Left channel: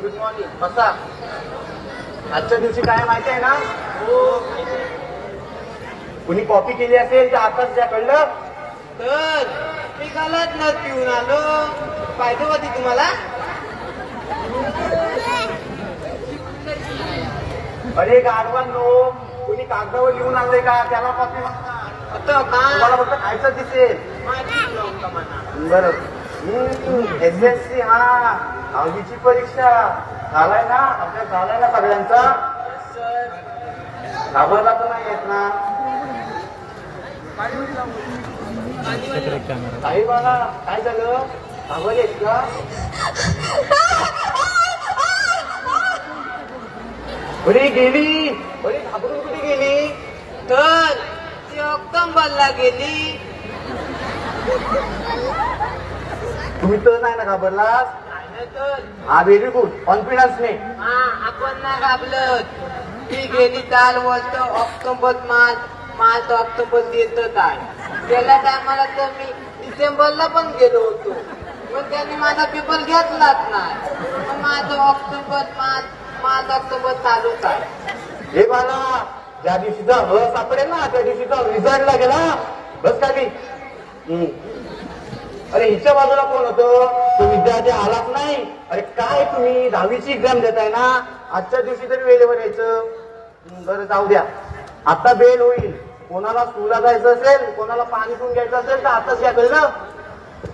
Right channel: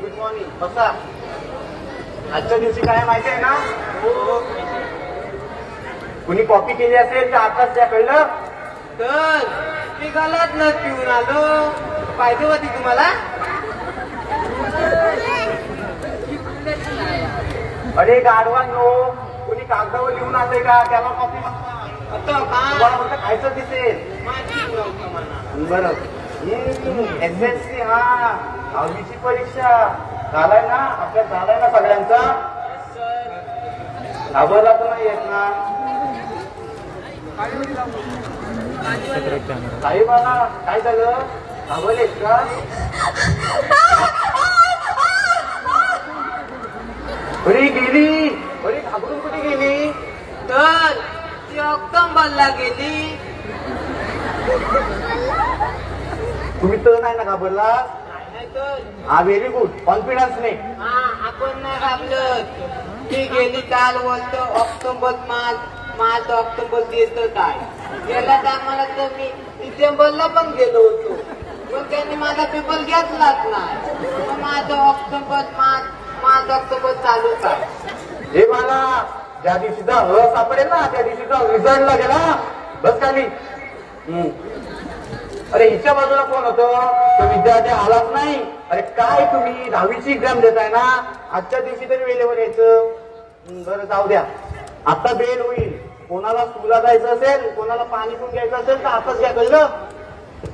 Good morning बसा. आजच्या दिवशी काय माहिती आहे ना, कुणी कॉपी केली असेल तर आताच द्या, कळलं? तर मी गलात ना पिऊन आलो. पाहिजे होती तुम्हाला? अरे गाढवांनो, कुणी कागदावर लिहून आणले का? त्याला कॉपी होतं का? तुम्हाला फक्त खायचं दिसेल. बरं. SSC, हा 10वीची परीक्षा झालाय ना, आपल्या झालाय ना सगळ्यांचा. घाबरला तर नाही येत ना? साहेबाला काय झालं? घाबरलेत का? अरे गेली. अरे घाबरून कुठे गेली? तर ती ऑक्टोबरला गेली. तुम्ही तर नाही ना घाबरला? हा, व्हेरी गुड. कॉन्फिडन्सने. हा, आपण नाही घाबरत. ती गेली काल वर्ष ऑक्टोबर मार्च ऑक्टोबर येतच आहे. गेल्या टायमाला तर मी डिसेंबरला पण गेलो होतो, पण त्यांनी माझा पेपर घेतलाच नाही. माझा ऑक्टोबर मार्च ऑक्टोबर चालूच आहे. हे मला ज्या दिवशीचा ओळख सापडेल ना, त्या दिवशीचा रिझल्टला गेला. बस खाली. अरे हिच्या बाजूला कोण होतं? तो विद्यार्थी आलाच नाही. अरे काय तुम्ही 10वीची एक्झाम देताय ना, आजच्या दिवशी तरी वेळेवर यायचं. बरं जाऊ द्या, आता बेल होईल. कोणाला स्कूलला जायचं असेल, कोणाला पाणी पिऊन घ्यायचं असेल तर आताच घ्या, कळलं?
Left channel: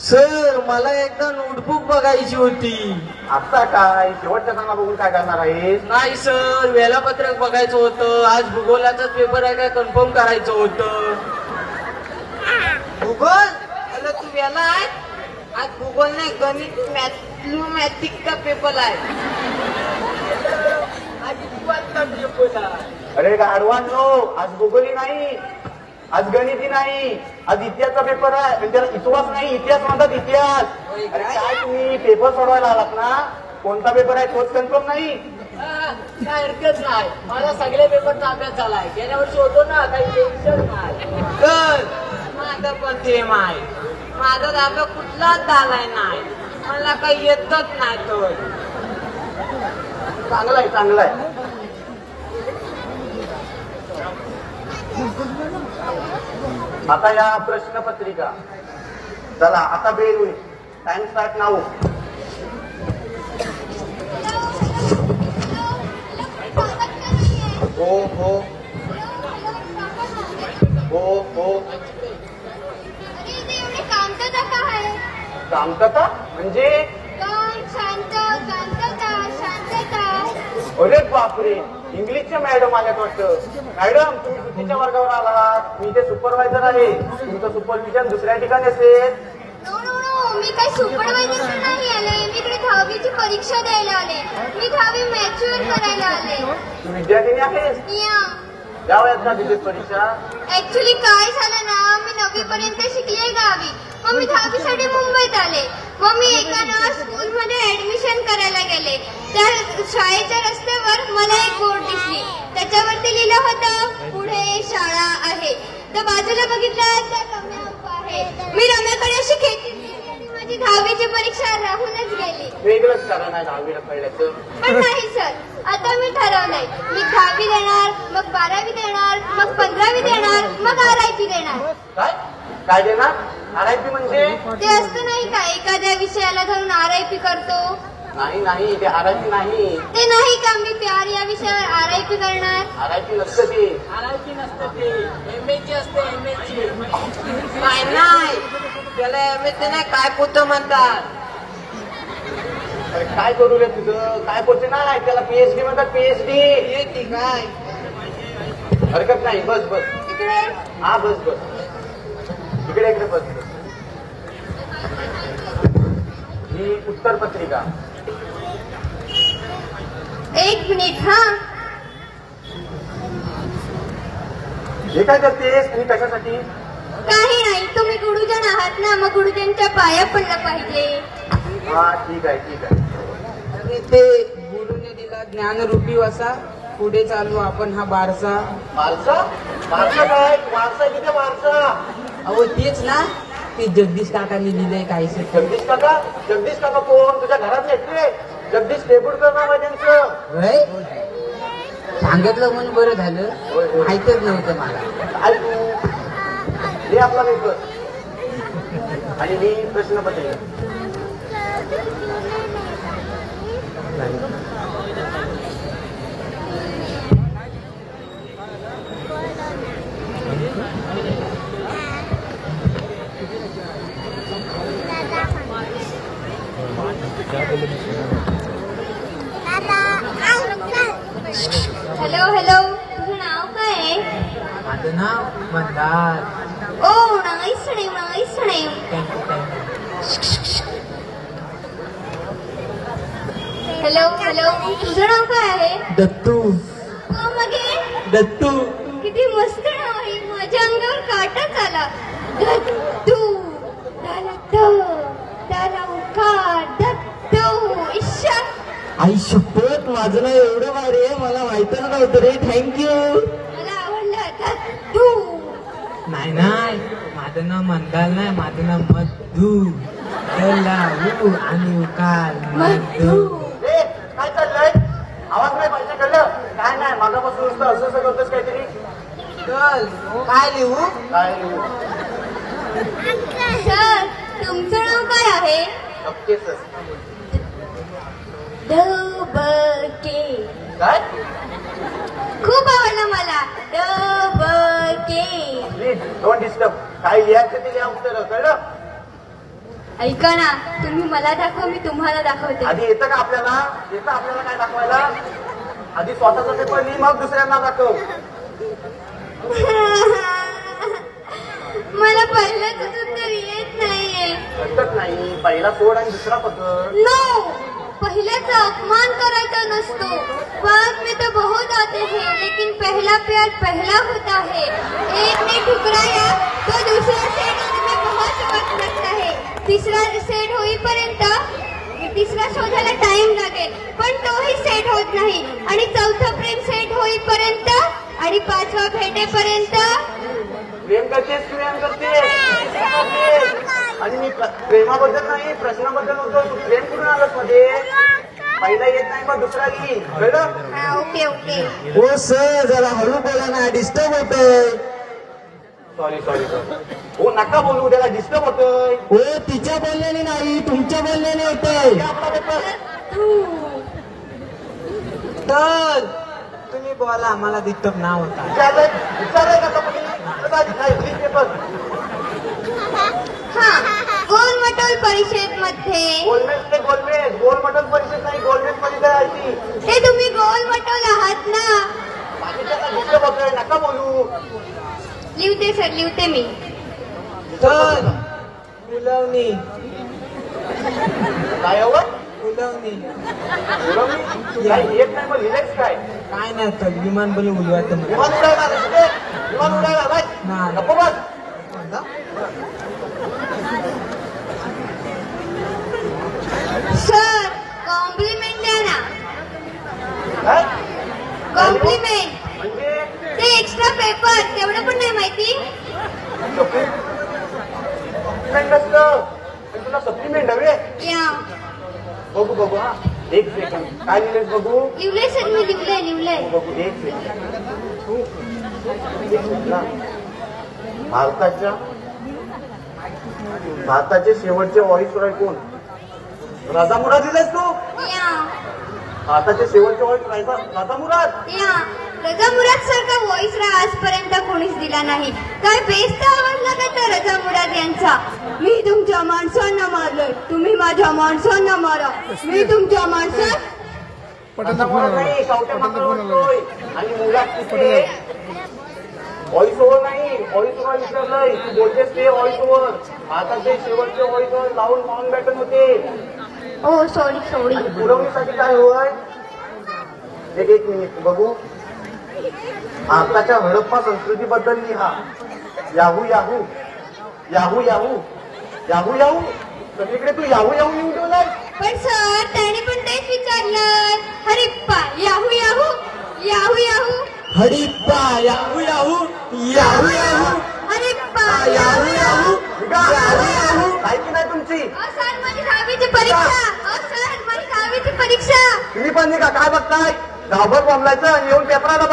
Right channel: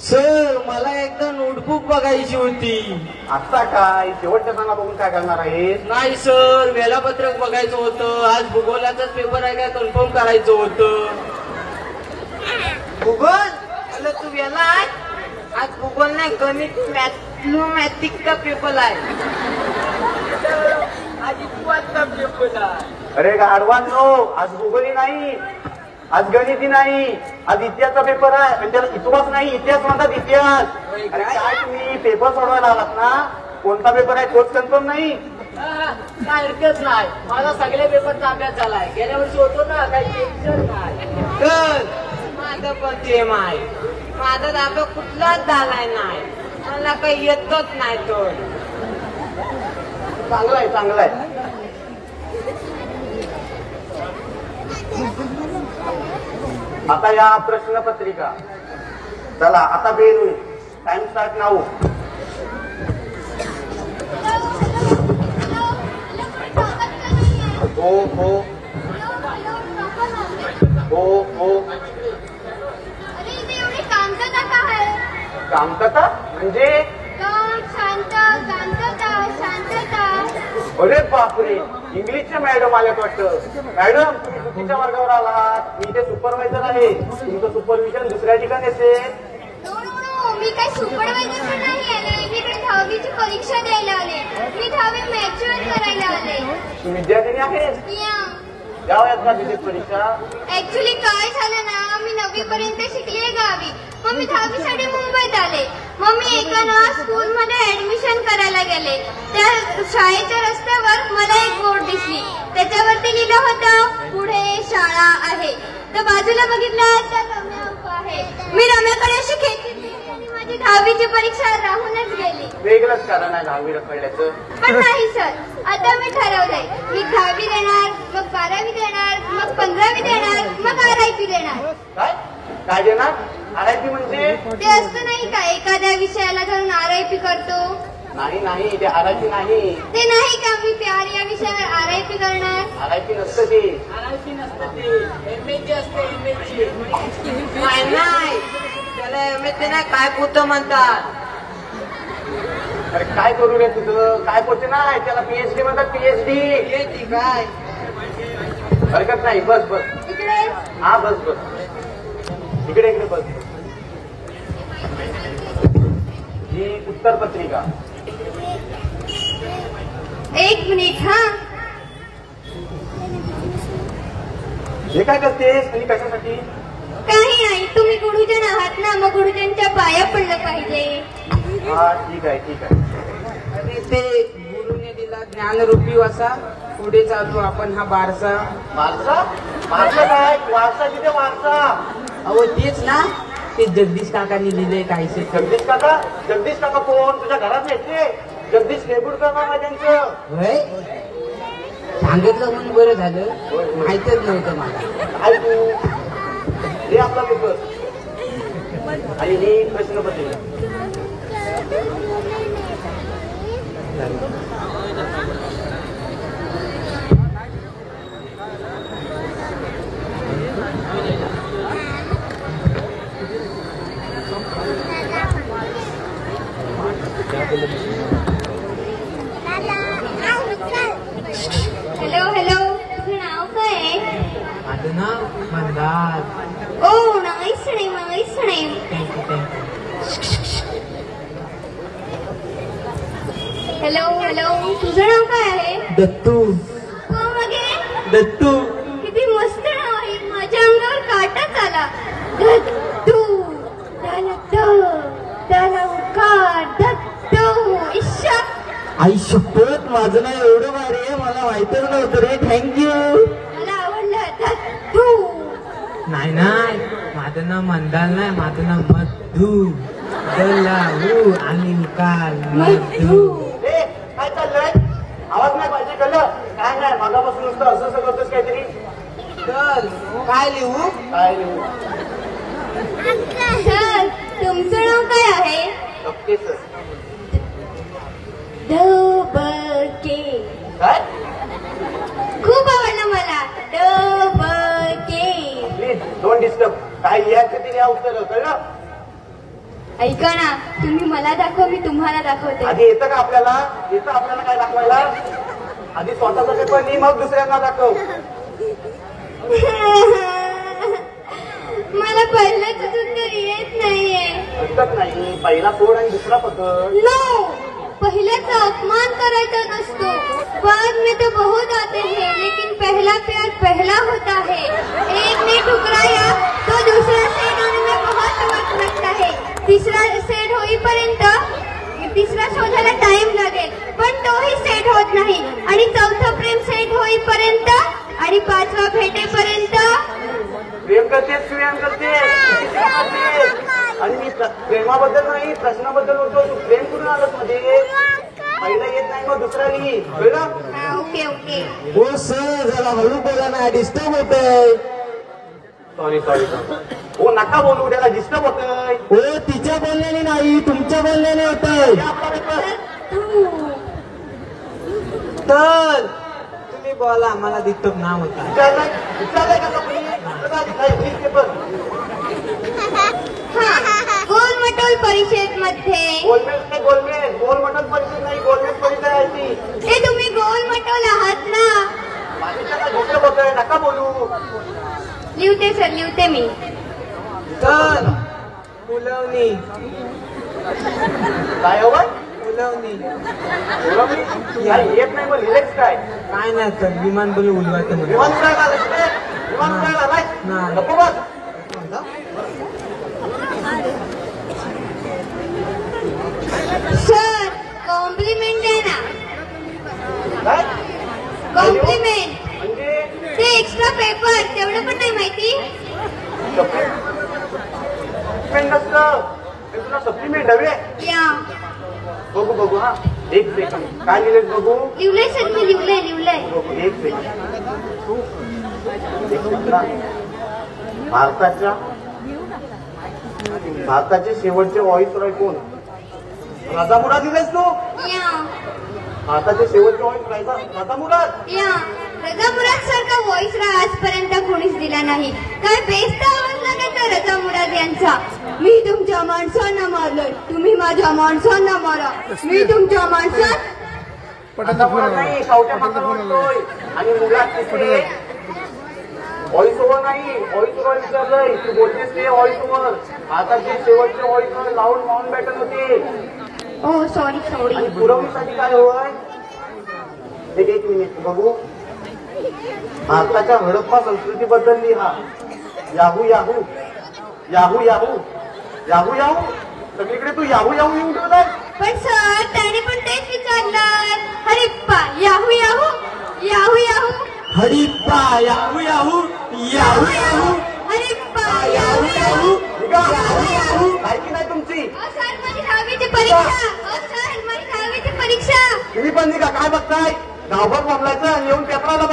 सर, मला एकदा नोटबुक बघायची होती. आता काय शेवटच्या कामा बघून काय करणार आहे? नाही सर, वेळापत्रक बघायचं होतं. आज भूगोलाचा पेपर आहे काय कन्फर्म करायचं होतं. भूगोल? तू वेळा आहे? आज भूगोल नाही, गणित मॅथमॅटिक्सचा पेपर आहे. आज इतिहासचा पेपर आहे. अरे गाढवांनो, आज भूगोली नाही, आज गणिती नाही, आज इतिहासचा पेपर आहे. त्याला इतिहास नाही, इतिहास म्हणतात, इतिहास. अरे काय तुम्ही पेपर सोडवायला आलात ना, कोणता पेपर आहे तोच कन्फर्म नाही? काय हरकत नाही, माझा सगळे पेपरचा अभ्यास झालाय. गेल्या वर्षी होतो ना, काही टेन्शन नाही. तर माझं पण सेम आहे. माझा अभ्यास कुठलाच झालाय नाही, मला काही येतच नाही. तर चांगलाय चांगलाय. आता या प्रश्नपत्रिका. चला आता बेल होईल. Time start now. हो हो हो हो. शांतता म्हणजे? अरे बापरे, इंग्लिशच्या मॅडम आल्या वाटतं. मॅडम तुम्ही चुकीच्या वर्गावर आलात. मी इथे सुपरवायझर आहे. तुमचं सुपरविजन दुसऱ्या ठिकाणी असेल. मी काही सुपरवायझर नाही आले, मी इकडे 10वीची परीक्षा द्यायला आले. मी 10वी मॅच्युअर करायला आले. तू विद्यार्थिनी आहेस? गावात का दिली परीक्षा? ऍक्च्युली काय झालं ना, मी 9वी पर्यंत शिकले गावी, मग मी 10वीसाठी मुंबईत आले. मग मी एका ना स्कूलमध्ये ऍडमिशन करायला गेले. त्या शाळेच्या रस्त्यावर मला एक बोर्ड दिसली, त्याच्यावरती लिहिलं होतं पुढे शाळा आहे. तर बाजूला बघितलं तर रम्या उभा आहे. मी रम्याकडे अशी खेचून गेली आणि माझी 10वीची परीक्षा राहूनच गेली. वेगळंच कारण आहे 10वी रखडल्याचं. पण नाही सर, आता मी ठरवलंय, मी 10वी देणार, मग 12वी देणार, मग 15वी देणार, मग RIP देणार. काय काय देणार? RIP म्हणजे? ते असतं नाही का, एखाद्या विषयाला धरून RIP करतो. नाही नाही, ते RIP नाही. ते नाही का, मी प्यार या विषयावर RIP करणार. RIP नसतं ते. RIP नसतं ते, MSc असते. MSc नाही, त्याला MSc नाही, काय कुठं म्हणतात. अरे काय करू रे तुझं काय करते नाही त्याला पीएचडी म्हणतात पीएचडी येते काय हरकत नाही बस बस इकडे हा बस बस इकडे बस ही उत्तर पत्रिका एक मिनिट हा हे काय करतेस आणि कशासाठी काही नाही तुम्ही गुरुजन आहात ना मग गुरुजनच्या पाया पडलं पाहिजे हा ठीक आहे आणि ते गुरुने दिला ज्ञानरूपी वसा पुढे चालू आपण हा बारसा वारसा वारसा काय वारसा तिथे वारसा अहो तेच ना ते जगदीश काकांनी लिहिलंय काहीसे जगदीश काका कोण तुझ्या घरात येते जगदीश टेबुलकर नाव आहे त्यांचं होय सांगितलं म्हणून बरं झालं माहितच नव्हतं मला ऐकू हे आपला पेपर आणि ही प्रश्नपत्रिका हॅलो हॅलो तुझं नाव काय आहे माझं नाव Mandar oh nice name hello hello तुझं नाव काय आहे दत्तू हो मगे दत्तू किती मस्त नाव आहे माझ्या अंगावर काटाच आला दत्तू दत्तू ईश्वर आई शपथ माझं नाव एवढं भारी आहे मला माहितच नव्हतं रे थँक्यू मला आवडलं दत्तू नाही माझं नाव मंदार नाही माझं नाव मधू दलालू आणि उकार मधू काय चाललंय आवाज नाही पाहिजे कळलं काय नाही माझ्यापासून नुसतं असं करतोस काहीतरी चल काय लिहू काय लिहू? सर तुमचं नाव काय आहे ओके सर डबके काय खूप आवडलं मला डबके प्लीज डोंट डिस्टर्ब काय लिहायचं ते लिहा उत्तर कळलं ऐका ना तुम्ही मला दाखवा मी तुम्हाला दाखवते आधी येतं का आपल्याला काय दाखवायला आधी स्वतःचा पेपर लिही मग दुसऱ्यांना दाखव मला पहिल्याच उत्तर येत नाहीये हरकत नाही पहिला कोड आणि दुसरा पत्र नो पहिल्याचा अपमान करायचा नसतो बाद में तो बहुत आते हैं लेकिन पहला प्यार पहला होता है एक ने ठुकराया तो दूसरा सेट होने में बहुत वक्त लगता है तिसरा सेट होईपर्यंत तिसरा शोधायला टाइम लागेल पण तोही सेट होत नाही आणि चौथा प्रेम सेट होईपर्यंत आणि पाचवा भेटेपर्यंत प्रेम करतेस आणि मी प्रेमाबद्दल नाही प्रश्नाबद्दल बोलतो तू प्रेम करून आलोस मध्ये पहिला येत नाही मग दुसरा लिही कळलं ओके ओके हो सर जरा हळू बोला ना डिस्टर्ब होतोय सॉरी हो नका बोलू त्याला डिस्टर्ब होतोय हो तिच्या बोलण्याने नाही तुमच्या बोलण्याने होतंय तर तुम्ही बोला मला दिसत ना होता विचारलंय का तुम्ही पेपर हा गोलमटोल परिषद मध्ये गोलमटोल परिषद नाही गोलमेज परिषद आहे ती ते तुम्ही गोलमटोल आहात ना डिस्टर्ब होतोय नका बोलू लिवते सर लिवते मी तर फुलवणी काय हवं फुलवणी काय येत नाही मग लिहिलेच काय काय नाही तर विमान बोलू उलवत विमान काय आलाय नाही. नको बस. सर कॉम्प्लिमेंट द्या ना काय? कॉम्प्लिमेंट म्हणजे ते एक्स्ट्रा पेपर तेवढं पण नाही माहिती सप्लिमेंट असतं तुला सप्लिमेंट हवे या बघू हा एक सेकंड काय दिलेस बघू लिवलंय सर मी लिवलंय बघू एक सेकंड भारताचे शेवटचे व्हॉइस रॉय कोण राजा मुराद दिलेस तू या भारताचे शेवटचे व्हॉइस राजा मुराद या रजा मुराद सारखा व्हॉइस आजपर्यंत कोणीच दिला नाही काय बेस्ट आवाज लागत घराचा मुराद यांचा. मी तुमच्या माणसांना मारलंय, तुम्ही माझ्या माणसांना मारा. मी तुमच्या माणसात पटेलचा फोन आला. नाही, कवट्या पटेलचा फोन आला. मारतोय. आणि मुलात पटेल व्हॉइस ओव्हर नाही, व्हॉइस ओव्हर विचारलंय. तू बोलतेस ते व्हॉइस ओव्हर. आता ते शेवटचे व्हॉइस ओव्हर लावून माउंट बॅटन होते. ओ सॉरी सॉरी. पुरवणीसाठी काय होय? एक मिनिट बघू. भारताच्या हडप्पा संस्कृतीबद्दल लिहा. Yahoo yahoo yahoo yahoo yahoo Yahoo. सगळीकडे तू याहू याहू येऊन ठेवलाय. पण सर त्याने पण तेच विचारलं. हरिप्पा याहू याहू याहू याहू. हरिप्पा याहू याहू याहू याहू. हरिप्पा याहू याहू याहू याहू. ऐकी नाही तुमची. सर माझी 10वीची परीक्षा. सर माझी 10वीची परीक्षा. तुम्ही पण नाही का काय बघताय? गावभर बोंबलायचं आणि येऊन पेपराला